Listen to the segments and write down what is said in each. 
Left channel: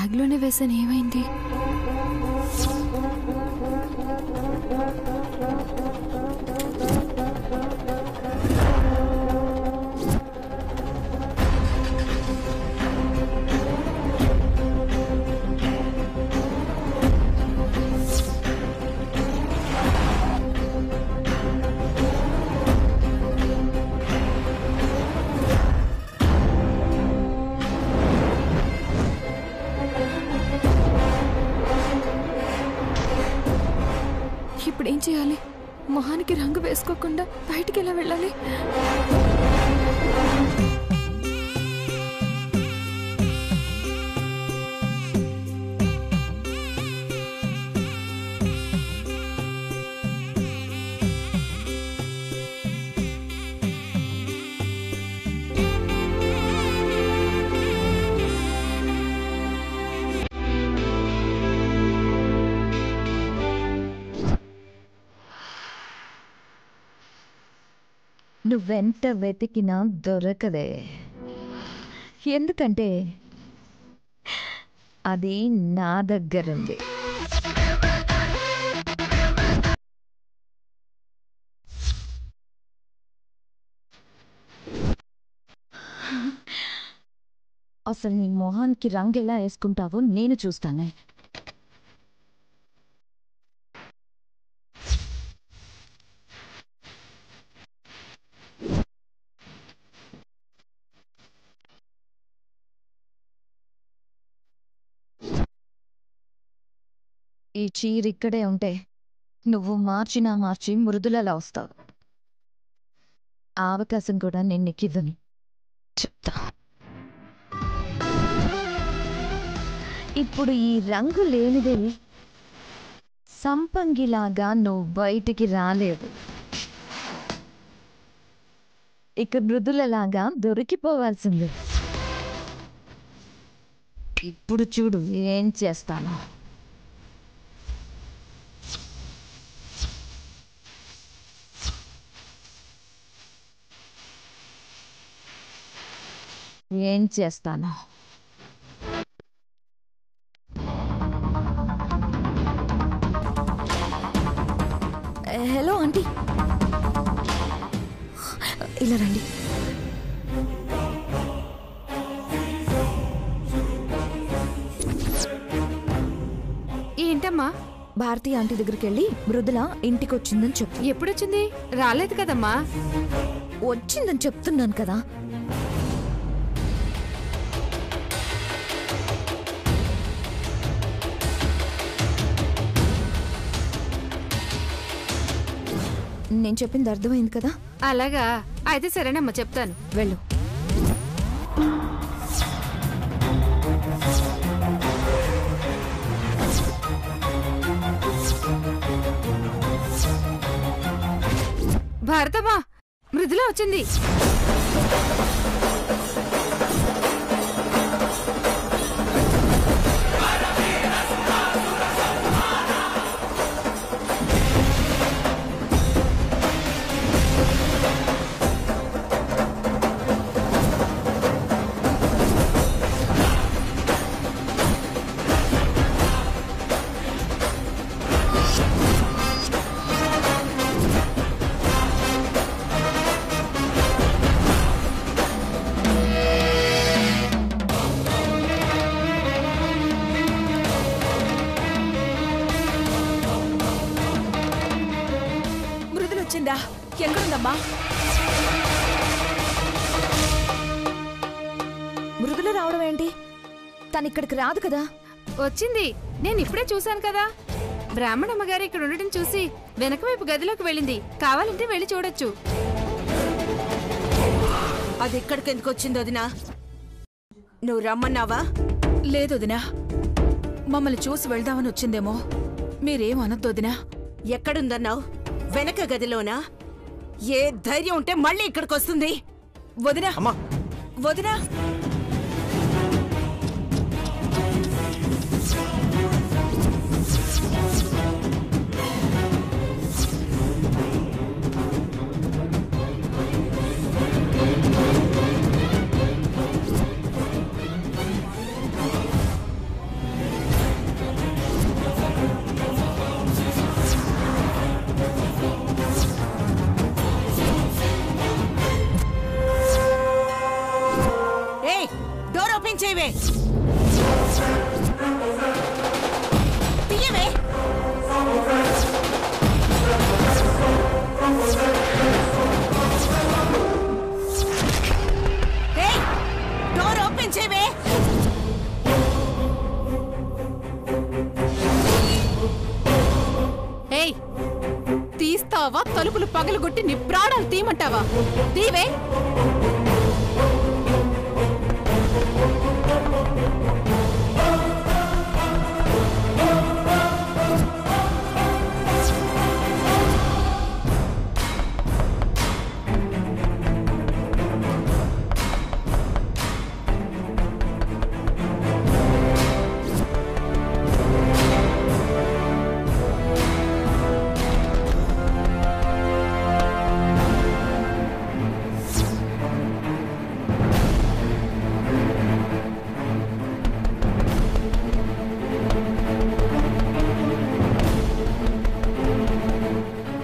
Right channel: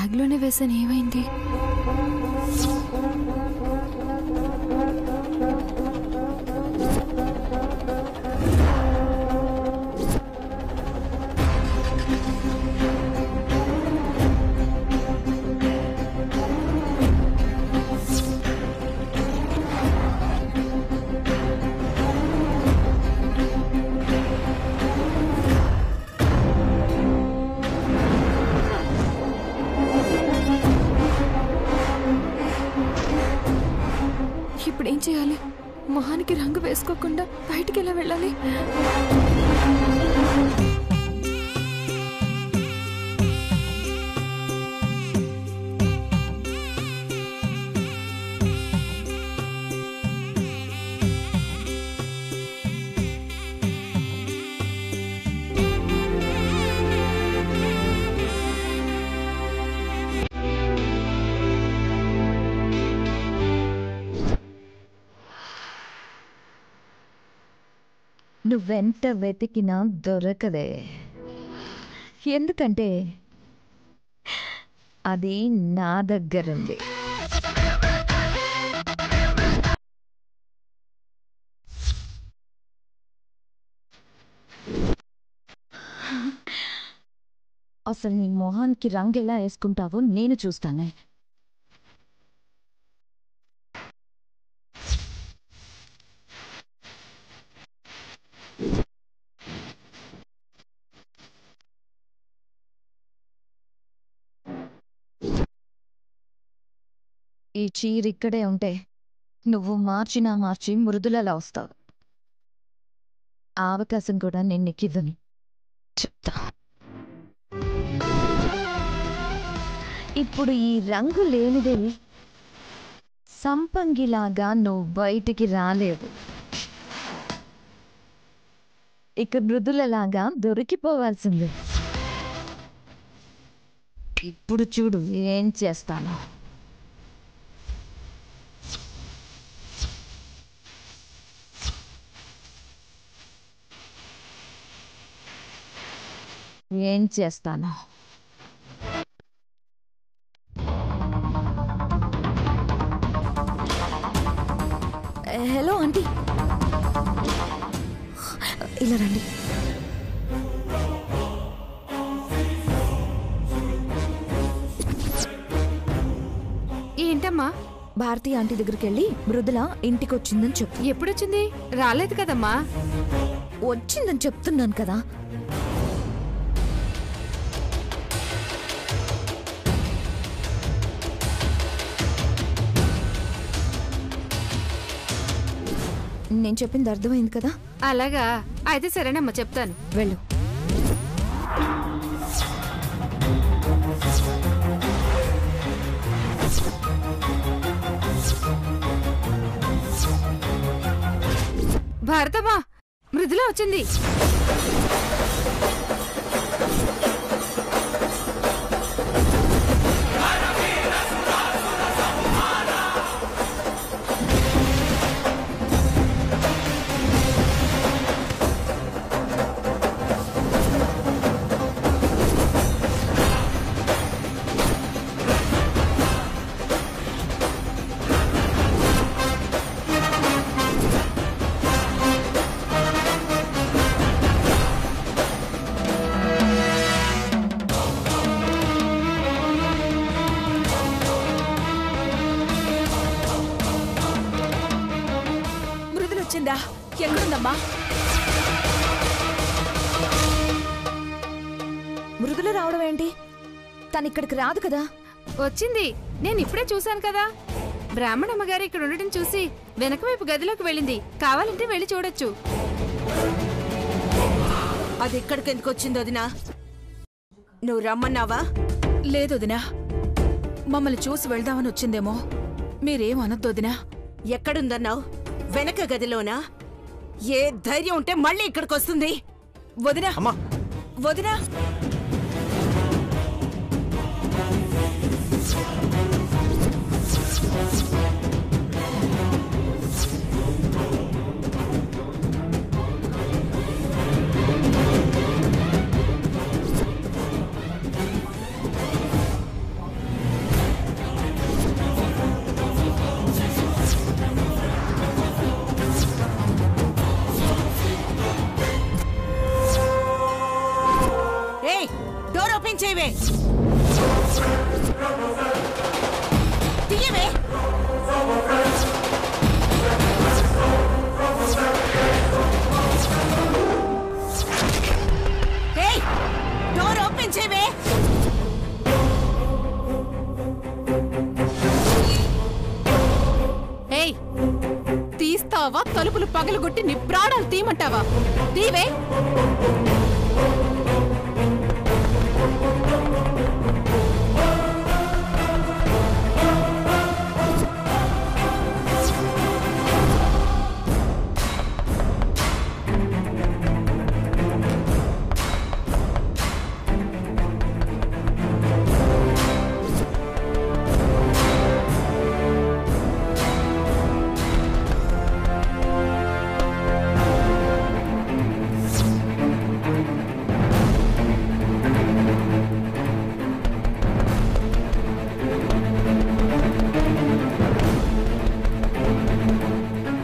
బ్యాగ్లోనే వేసాను, ఏమైంది? ఇప్పుడేం చేయాలి? మొహానికి రంగు వేసుకోకుండా బయటికి ఎలా వెళ్ళాలి? నువ్వెంత వెతికినా దొరకదే. ఎందుకంటే అది నా దగ్గరుంది. అసలు నీ మొహానికి రంగు ఎలా వేసుకుంటావో నేను చూస్తానే. ఈ చీర ఇక్కడే ఉంటే నువ్వు మార్చి మృదులలా వస్తావు. ఆ అవకాశం కూడా నేను నీకివ్వను. చెప్తా. ఇప్పుడు ఈ రంగు లేనిదే సంపంగిలాగా నువ్వు బయటికి రాలేవు. ఇక మృదులలాగా దొరికిపోవాల్సిందే. ఇప్పుడు చూడు ఏం చేస్తాను. ఏం చేస్తాను. హలో ఆంటీ, ఇలా రండి. ఏంటమ్మా? భారతి ఆంటీ దగ్గరికి వెళ్ళి మృదుల ఇంటికి వచ్చిందని చెప్పు. ఎప్పుడొచ్చింది? రాలేదు కదమ్మా. వచ్చిందని చెప్తున్నాను కదా. నేను చెప్పింది అర్థమైంది కదా? అలాగా, అయితే సరేనమ్మా, చెప్తాను. వెళ్ళు. భారతమ్మా, మృదుల వచ్చింది. వచ్చిందా? ఎక్కడుందమ్మా? మృదుల రావడం ఏంటి? తను ఇక్కడికి రాదు కదా. వచ్చింది, నేను ఇప్పుడే చూశాను కదా. బ్రాహ్మణమ్మగారు ఇక్కడ ఉండటం చూసి వెనక వైపు గదిలోకి వెళ్ళింది. కావాలంటే వెళ్ళి చూడొచ్చు. అది ఇక్కడికి ఎందుకు వచ్చింది వదినా? నువ్వు రమ్మన్నావా? లేదు వదినా, మమ్మల్ని చూసి వెళ్దామని వచ్చిందేమో. మీరేం అనొద్దు వదినా. ఎక్కడుందన్నావు? వెనక గదిలోనా? ఏ ధైర్యం ఉంటే మళ్ళీ ఇక్కడికి వస్తుంది? వదినా, వదినా, చేయవే. తీయవే. ఏయ్, డోర్ ఓపెన్ చేయవే. ఏయ్, తీస్తావా తలుపులు పగలగొట్టి నీ ప్రాణాలు తీయమంటావా? తీవే.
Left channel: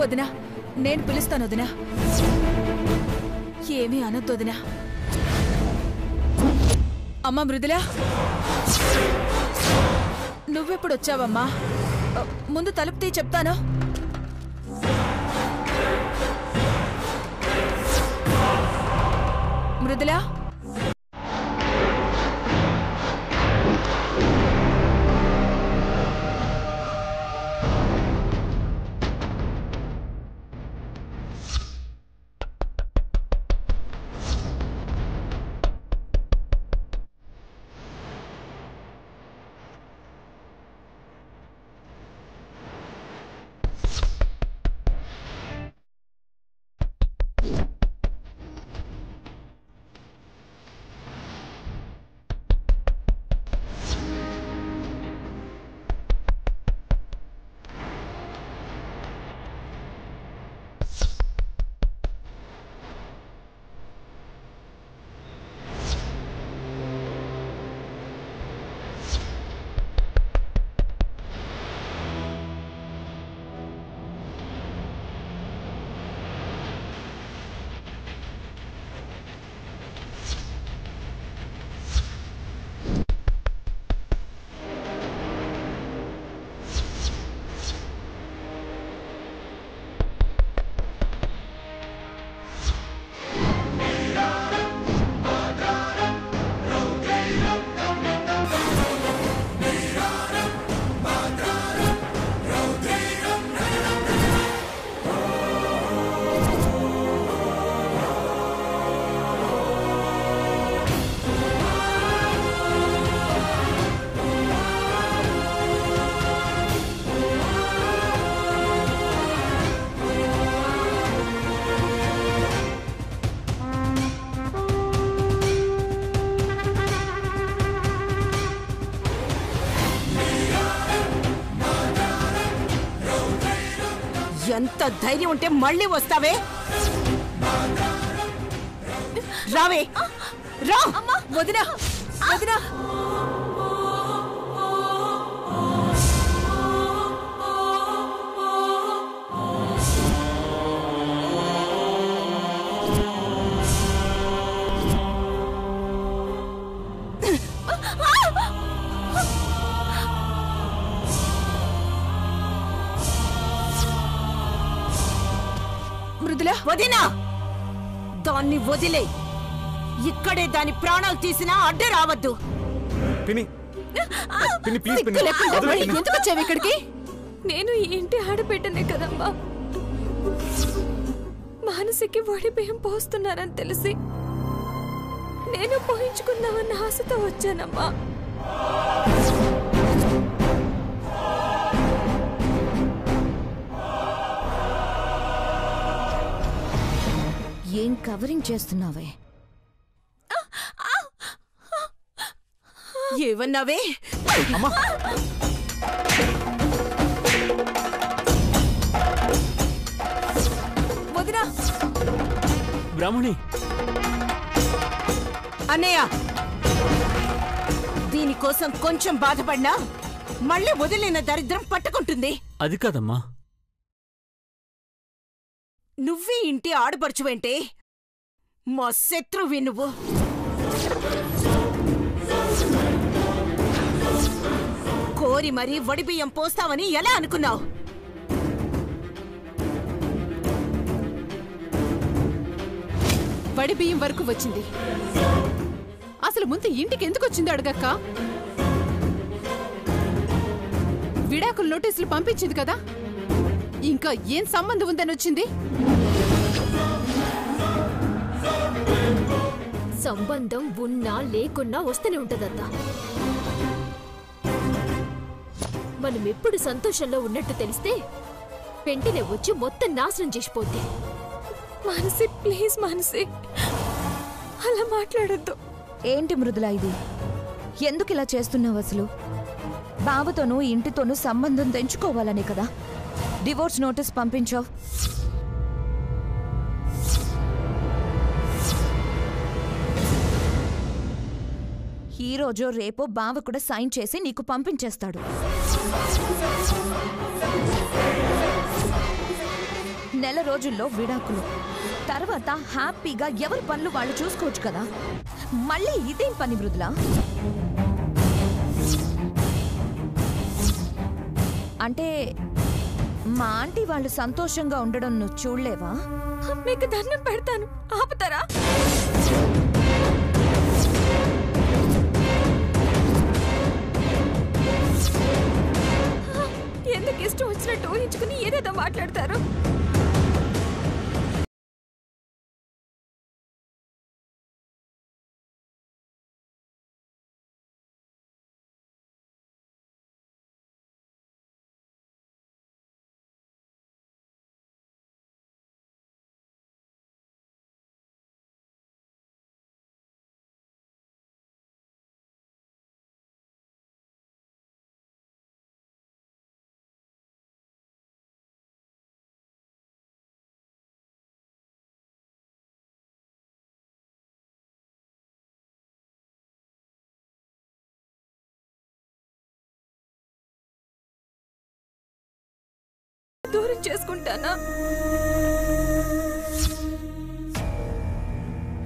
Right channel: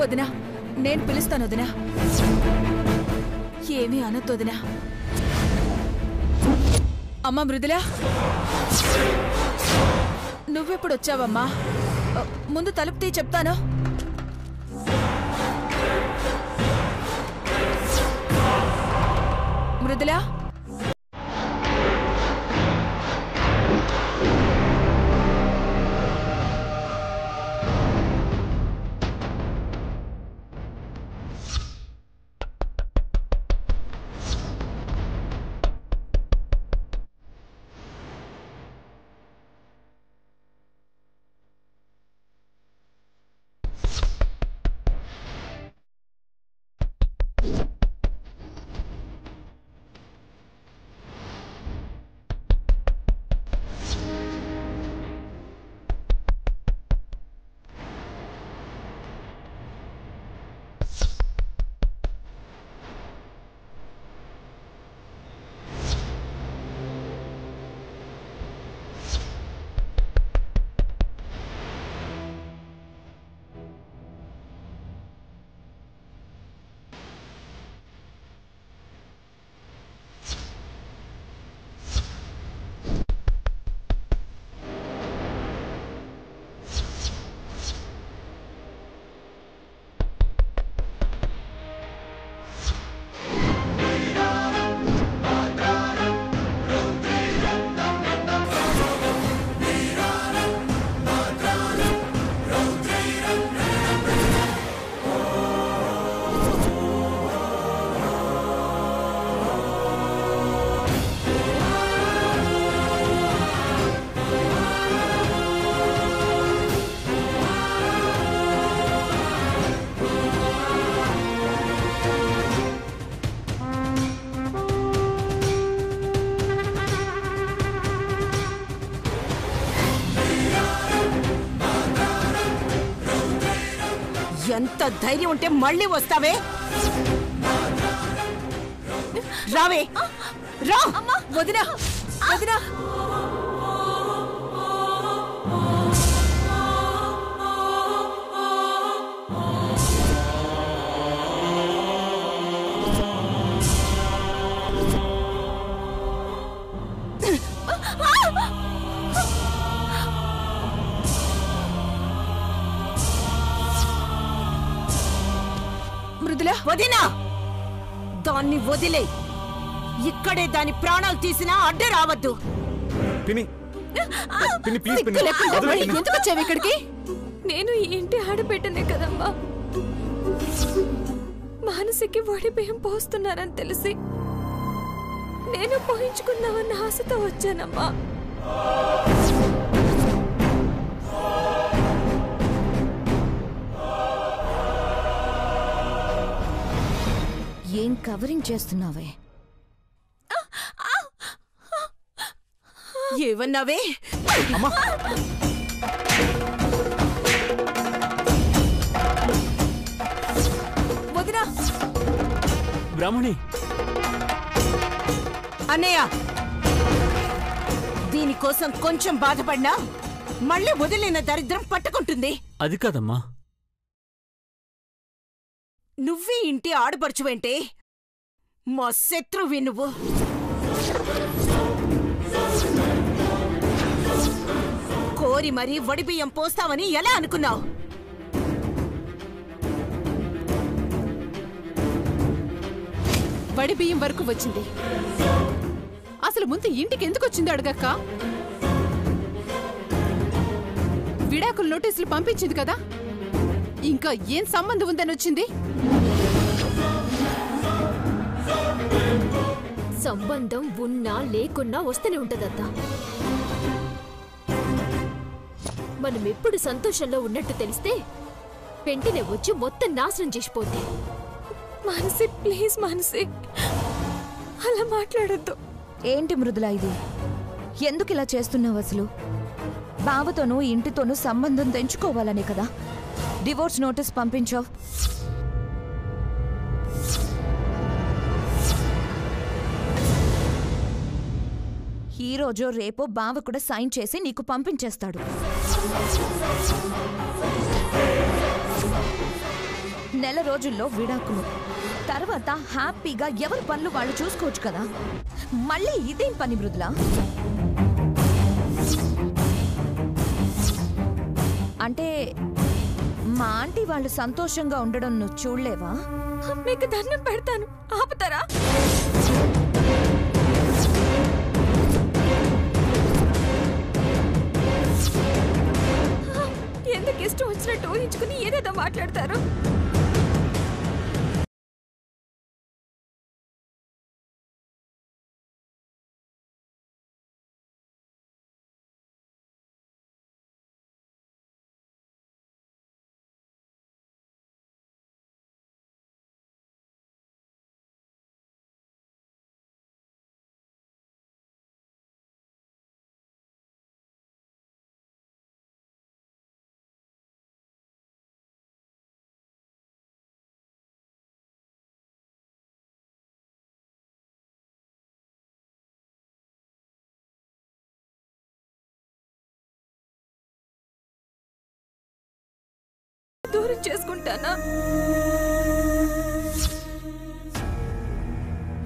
వదినా, నేను పిలుస్తాను వదినా. ఏమీ అనొద్దు వదినా. అమ్మా మృదులా, నువ్వెప్పుడొచ్చావమ్మా? ముందు తలుపు తీ చెప్తాను. మృదులా, ఎంత ధైర్యం ఉంటే మళ్ళీ వస్తావే? రావే, రా. వదినా, వదినా. మృదులా, వదినా, దాన్ని వదిలే. ఇక్కడే దాని ప్రాణాలు తీసినా అడ్డు రావద్దు. పిన్ని, పిన్ని ప్లీజ్ పిన్ని. ఎందుకు వచ్చావు ఇక్కడికి? నేను ఈ ఇంటి ఆడబిడ్డనే కదమ్మా. మానసికి వడి బియ్యం పోస్తున్నారని తెలిసి నేను పోయించుకుందామన్న ఆశతో వచ్చానమ్మా. ఏం కవరింగ్ చేస్తున్నావే? ఏమన్నావే? వదినా. బ్రాహ్మణి, అన్నయ్య, దీనికోసం కొంచెం బాధపడినా మళ్ళీ వదిలిన దరిద్రం పట్టుకుంటుంది. అది కాదమ్మా. నువ్వే ఇంటి ఆడపడుచువేంటే? మా శత్రువి నువ్వు. కోరి మరీ వడిబియ్యం పోస్తావని ఎలా అనుకున్నావు? వడి బియ్యం వరకు వచ్చింది. అసలు ముందు ఇంటికి ఎందుకు వచ్చిందో అడగక్క. విడాకుల నోటీసులు పంపించింది కదా, ఇంకా ఏం సంబంధం ఉందని వచ్చింది? సంబంధం ఉన్నా లేకున్నా వస్తూనే ఉంటదత్తా. మనం ఎప్పుడు సంతోషంలో ఉన్నట్టు తెలిస్తే వెంటనే వచ్చి మొత్తం నాశనం చేసిపోద్ది. మానసి, ప్లీజ్ మానసి, అలా మాట్లాడొద్దు. ఏంటి మృదుల ఇది? ఎందుకు ఇలా చేస్తున్నావు? అసలు బావతోనూ ఇంటితోనూ సంబంధం తెంచుకోవాలనే కదా డివోర్స్ నోటీస్ పంపించావు. ఈ రోజో రేపో బావ కూడా సైన్ చేసి నీకు పంపించేస్తాడు. నెల రోజుల్లో విడాకులు, తర్వాత హ్యాపీగా ఎవరి పనులు వాళ్ళు చూసుకోవచ్చు కదా. మళ్ళీ ఇదేం పని మృదుల? అంటే మా ఆంటీ వాళ్ళు సంతోషంగా ఉండడం నువ్వు చూడలేవా? మీకు దండం పెడతాను, ఆపుతారా? ఎందుకు ఇష్టం వచ్చినట్టు ఊహించుకుని ఏదేదో మాట్లాడతారు? దూరం చేసుకుంటానా?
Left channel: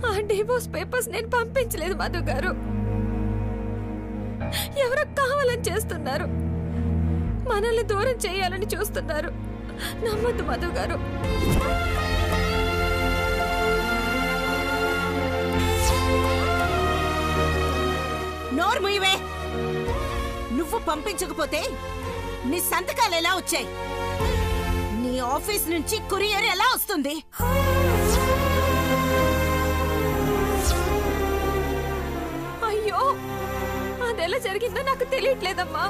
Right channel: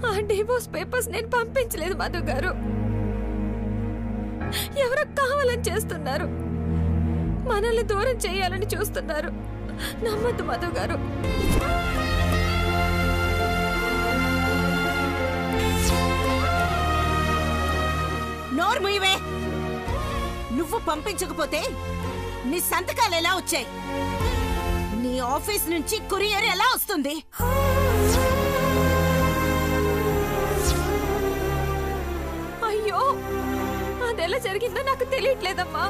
ఆ డివోర్స్ పేపర్స్ నేను పంపించలేదు మధు గారు. ఎవరో కావాలని చేస్తున్నారు, మనల్ని దూరం చేయాలని చూస్తున్నారు. నమ్మద్దు మధు గారు. నోర్ముయివే. నువ్వు పంపించకపోతే నీ సంతకాలు ఎలా వచ్చాయి? నీ ఆఫీస్ నుంచి కొరియర్ ఎలా వస్తుంది? అయ్యో, అదెలా జరిగిందో నాకు తెలియట్లేదమ్మా.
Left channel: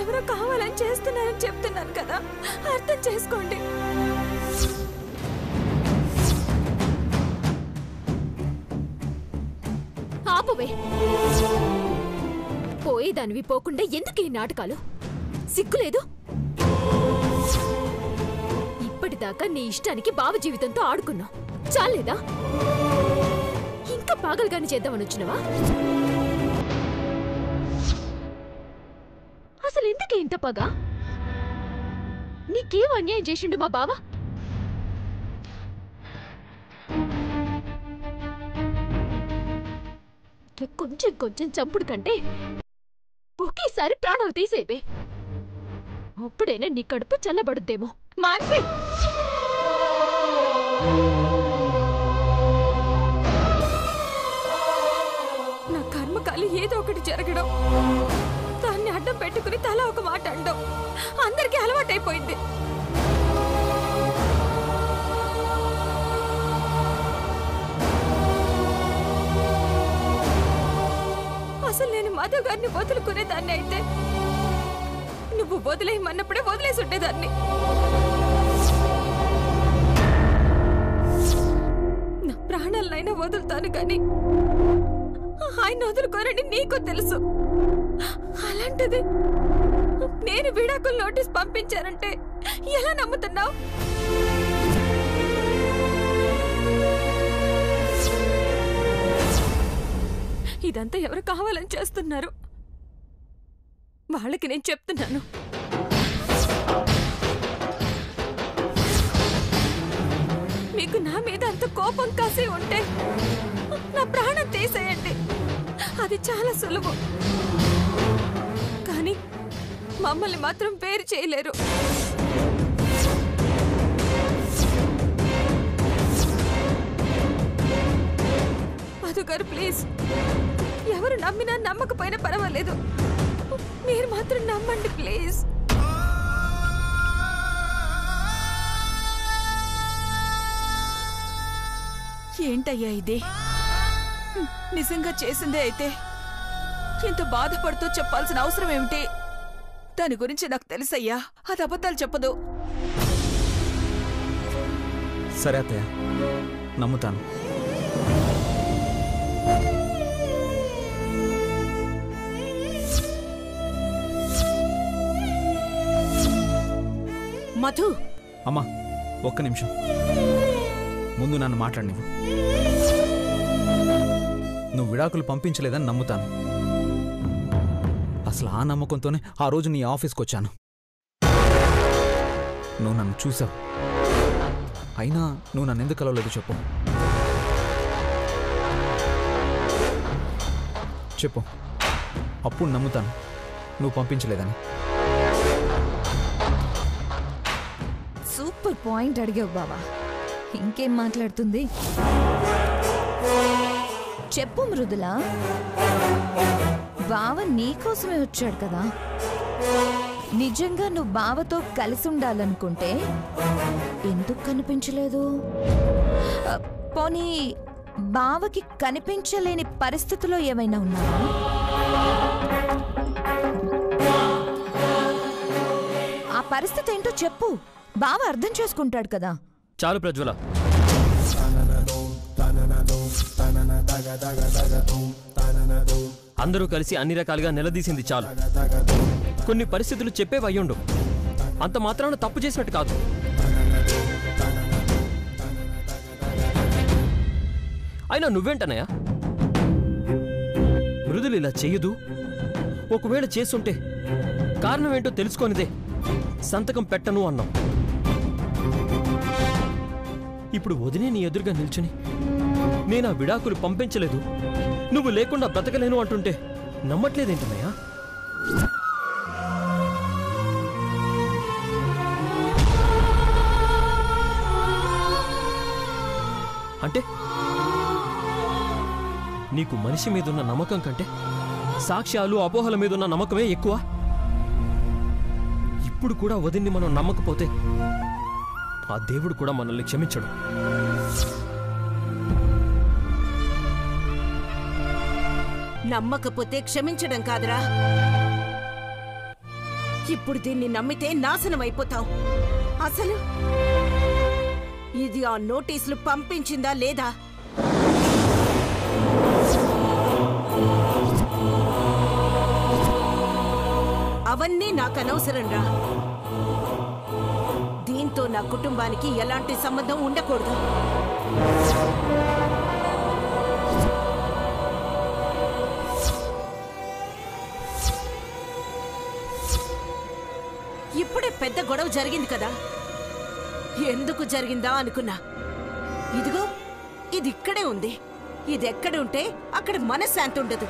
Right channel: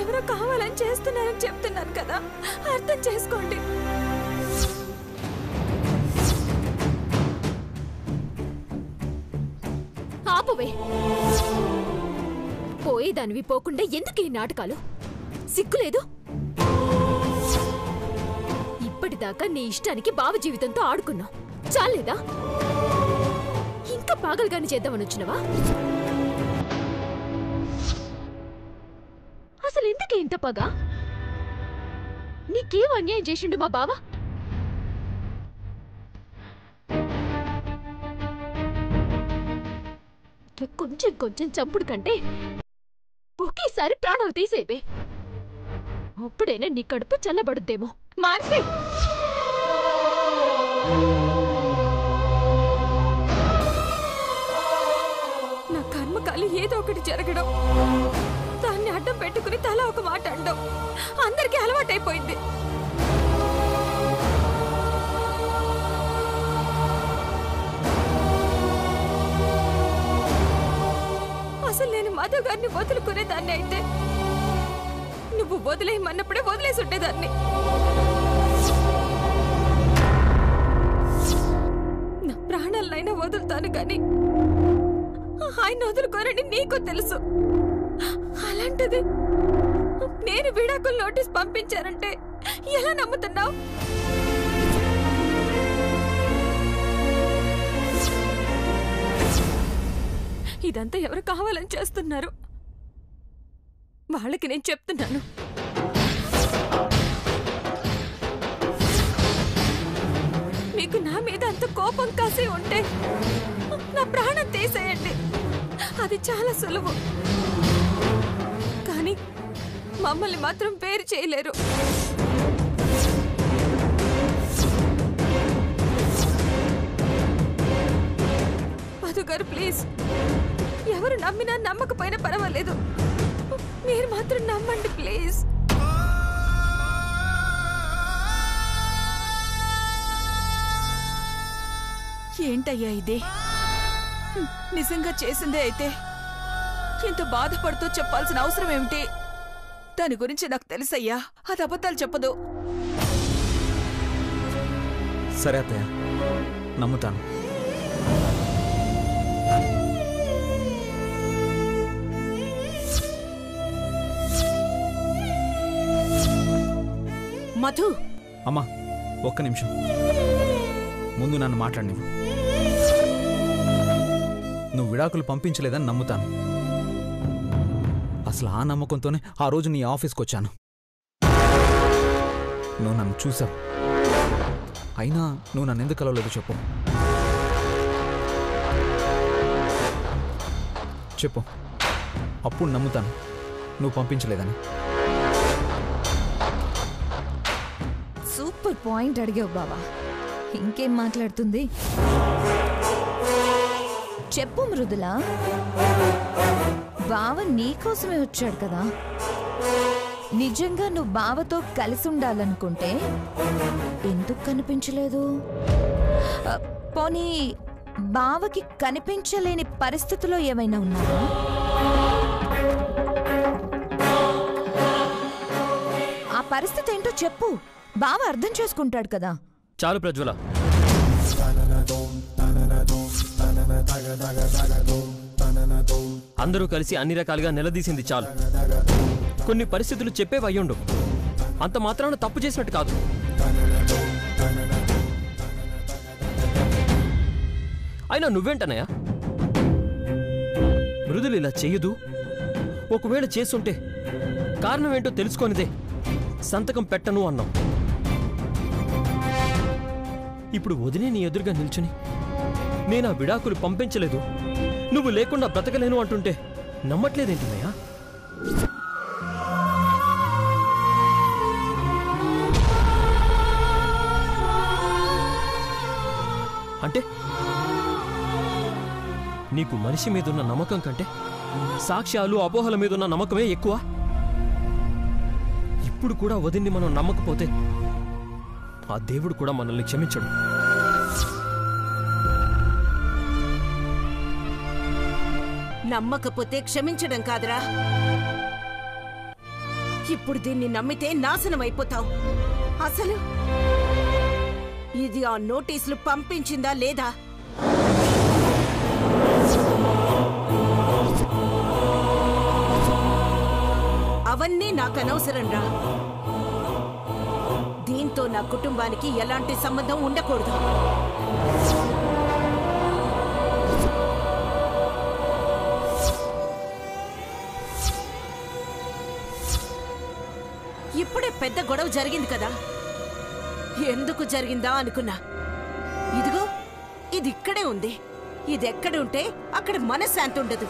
ఎవరో కావాలని చేస్తున్నారని చెప్తున్నాను కదా, అర్థం చేసుకోండి. ఆపువే. పోయేదానివి పోకుండా ఎందుకు ఈ నాటకాలు? సిగ్గులేదు? ఇప్పటిదాకా నీ ఇష్టానికి బావ జీవితంతో ఆడుకున్నావు, చాలేదా? ఇంకా పాగల్గాని చేద్దామని వచ్చినవా? అసలు ఎందుకే ఇంత పగ? నీకేం అన్యాయం చేసిండు మా బావ? కొంచెం కొంచెం చంపుడు కంటే ఒకేసారి ప్రాణాలు తీసేవే. అప్పుడైనా నీ కడుపు చల్లబడుద్దేమో. మాన్సి, నా కర్మకాలి ఏదో ఒకటి జరగడం, దాన్ని అడ్డం పెట్టుకుని తల ఒక మాట అండం అందరికీ అలవాటైపోయింది. అసలు నేను మధు గారిని వదులుకునేదాన్ని అయితే నువ్వు వదిలేయమన్నప్పుడే వదిలేసి ఉండేదాన్ని. నా ప్రాణాలనైనా వదులుతాను కానీ ఆయన వదులుకోరని నీకు తెలుసు. అలాంటిది నేను విడాకుల నోటీస్ పంపించానంటే ఎలా నమ్ముతున్నావు? ఇదంతా ఎవరు కావాలని చేస్తున్నారు? వాళ్ళకి నేను చెప్తున్నాను, మీకు నా మీద అంత కోపం కాసి ఉంటే నా ప్రాణం తీసేయండి, అది చాలా సులువు. కానీ మమ్మల్ని మాత్రం వేరు చేయలేరు. మధు గారు ప్లీజ్, ఎవరు నమ్మినా నమ్మకపోయినా పర్వాలేదు, మీరు మాత్రం నమ్మండి ప్లీజ్. ఏంటయ్యా ఇది? నిజంగా చేసిందే అయితే ఇంత బాధపడుతూ చెప్పాల్సిన అవసరం ఏమిటి? దాని గురించి నాకు తెలుసయ్యా, అది అబద్ధాలు చెప్పదు. సరే అత్తయ్య, నమ్ముతాను. మధు, అమ్మా ఒక్క నిమిషం, ముందు నన్ను మాట్లాడినివ్వు. నువ్వు విడాకులు పంపించలేదని నమ్ముతాను. అసలు ఆ నమ్మకంతోనే ఆ రోజు నీ ఆఫీస్కి వచ్చాను. నువ్వు నన్ను చూసావు, అయినా నువ్వు నన్ను ఎందుకు కలవలేదు చెప్పు. చెప్పు, అప్పుడు నమ్ముతాను నువ్వు పంపించలేదని. సూపర్ పాయింట్ అడిగావు బావా, ఇంకేం మాట్లాడుతుంది? చెప్పు మృదుల, బావ నీకోసమే వచ్చాడు కదా. నిజంగా నువ్వు బావతో కలిసి ఉండాలనుకుంటే ఎందుకు కనిపించలేదు? పోనీ బావకి కనిపించలేని పరిస్థితిలో ఏమైనా ఉన్నావా? ఆ పరిస్థితి ఏంటో చెప్పు, బావ అర్థం చేసుకుంటాడు కదా. చాలు ప్రజ్వల, అందరూ కలిసి అన్ని రకాలుగా నిలదీసింది చాలు. కొన్ని పరిస్థితులు చెప్పేవయ్యుండు, అంత మాత్రాన తప్పు చేసినట్టు కాదు. అయినా నువ్వేంటనయ్యా, మృదులు ఇలా చెయ్యదు, ఒకవేళ చేసుంటే కారణం ఏంటో తెలుసుకొనిదే సంతకం పెట్టను అన్నావు. ఇప్పుడు వదినే నీ ఎదురుగా నిల్చుని నేనా విడాకులు పంపించలేదు, నువ్వు లేకుండా బ్రతకలేను అంటుంటే నమ్మట్లేదేంటన్నయ్యా? అంటే నీకు మనిషి మీదున్న నమ్మకం కంటే సాక్ష్యాలు అపోహల మీదున్న నమ్మకమే ఎక్కువ. ఇప్పుడు కూడా వదిన్ని మనం నమ్మకపోతే ఆ దేవుడు కూడా మనల్ని క్షమించడు. నమ్మకపోతే క్షమించడం కాదురా, ఇప్పుడు దీన్ని నమ్మితే నాశనం అయిపోతావు. అసలు ఇది ఆ నోటీసులు పంపించిందా లేదా? అవన్నీ నాకు అనవసరంరా. దీంతో నా కుటుంబానికి ఎలాంటి సంబంధం ఉండకూడదు. ఇప్పుడే పెద్ద గొడవ జరిగింది కదా, ఎందుకు జరిగిందా అనుకున్నా. ఇదిగో ఇది ఇక్కడే ఉంది. ఇది ఎక్కడ ఉంటే అక్కడ మనశ్శాంతి ఉండదు,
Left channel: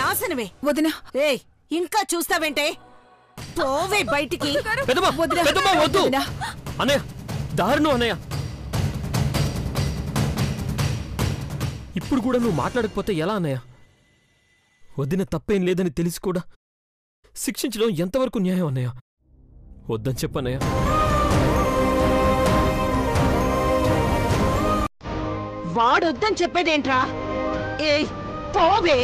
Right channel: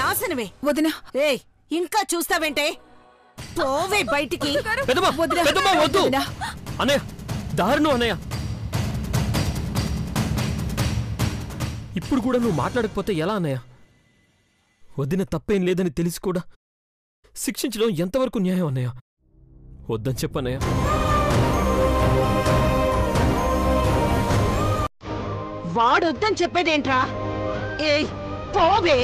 నాశనమే. వదినా, ఏయ్ ఇంకా చూస్తావేంటే, పోవే బయటికి. అన్నయ్య దారుణం అన్నయ్య, ఇప్పుడు కూడా నువ్వు మాట్లాడకపోతే ఎలా అన్నయ్య? వదిన తప్పేం లేదని తెలిసి కూడా శిక్షించడం ఎంతవరకు న్యాయం అన్నయ్య? వద్దని చెప్పన్నయ్య. వాడొద్దని చెప్పేదేంట్రా? ఏయ్ పోవే.